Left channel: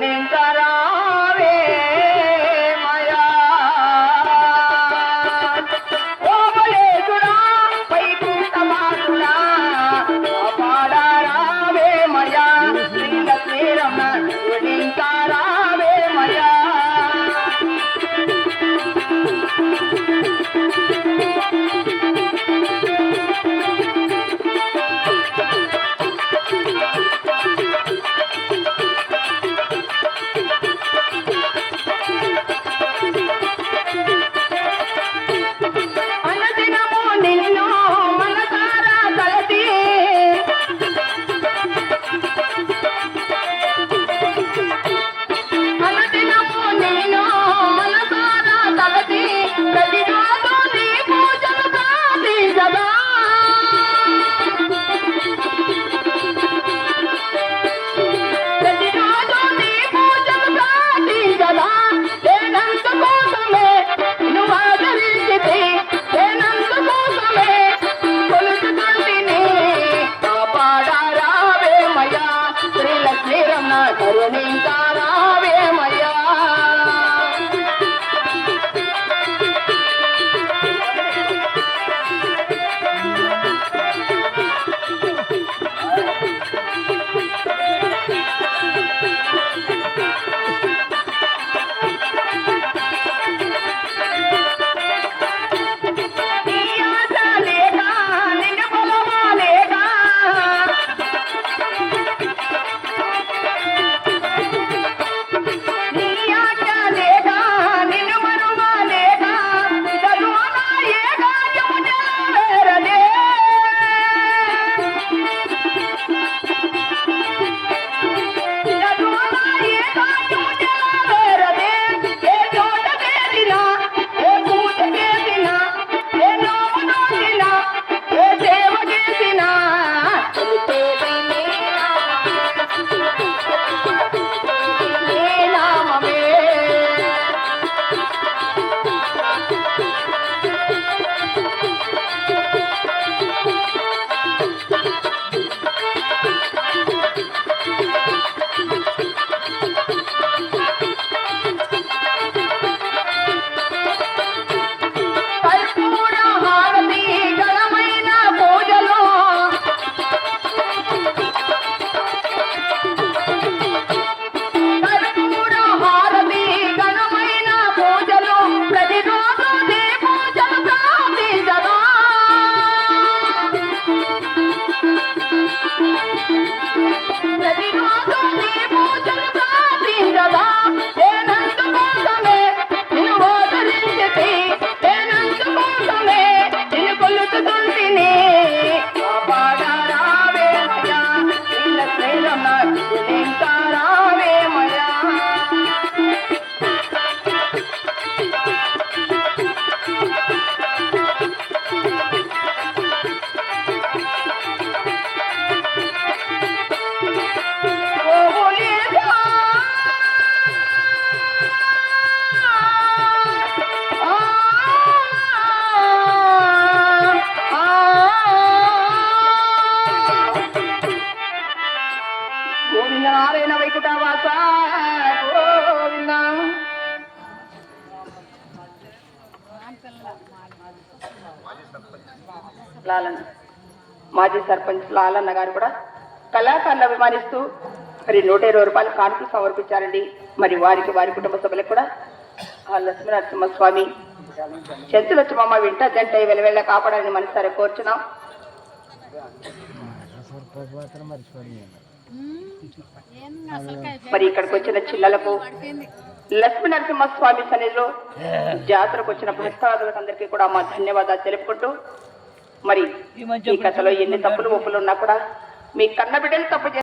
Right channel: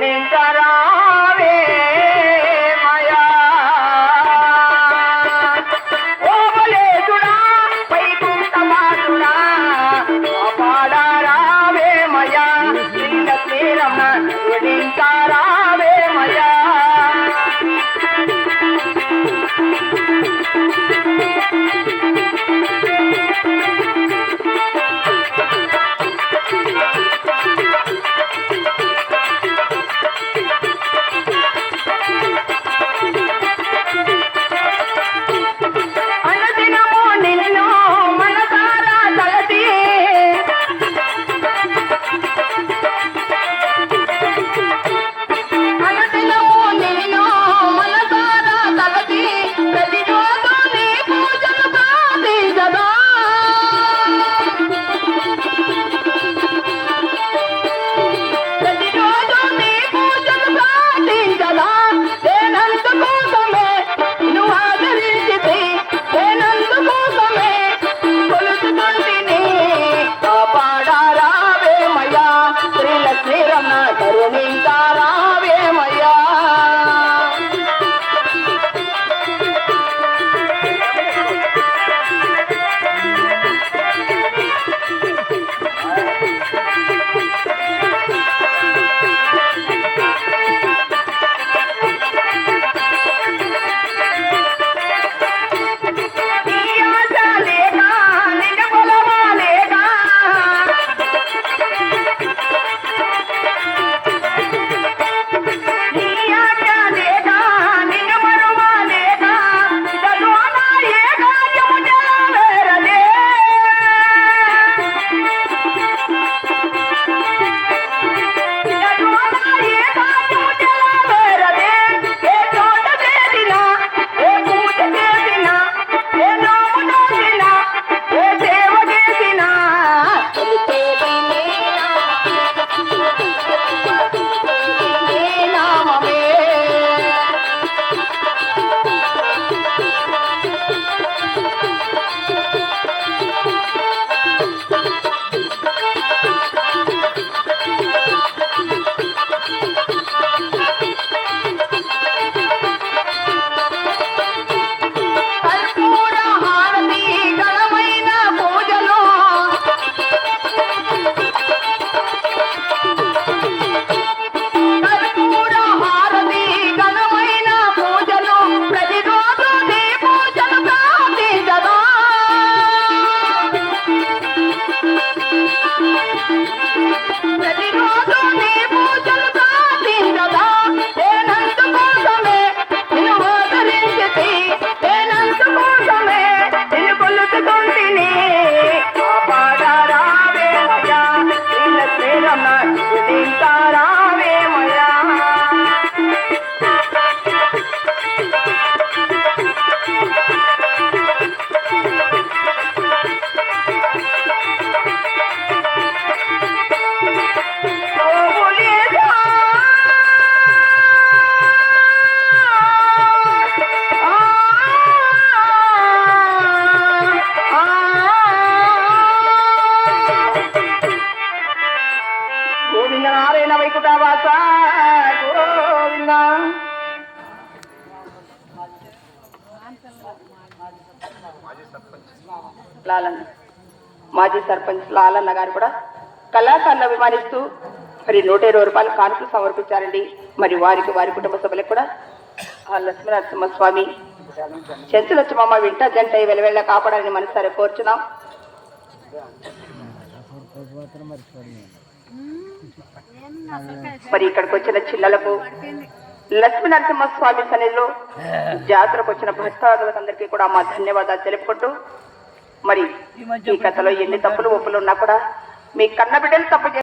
morning. Let me go, let. వైకుంఠవాస Govinda. లాలన్న మాజీ సర్పంచ్ లాలన్న గారు కూడా కళాకారులు అభిమానిస్తూ మరి నూట ఇరవై రూపాయలు కానుకలు సమర్పించారండి. మరి వారికి వారి కుటుంబ సభ్యులకు కూడా ఆ లక్ష్మీ నరసింహస్వామి చెంచు వింట జంట వెలవెళ్ళ కాపాడాలని మనసారి కోరుచున్నాం. మరి ఇక్కడికి వచ్చిన చిల్లలకు లక్ష్మీ నరసింహస్వామి సన్నిధిలో జాతరకు వచ్చిన భక్తాదులకు కూడా మా ధన్యవాదాలు తెలుపుకుంటూ మరి ఈ కథలో ఎన్ని తప్పులు ఒప్పులు ఉన్నా కూడా మీ కన్న బిడ్డలు తప్పు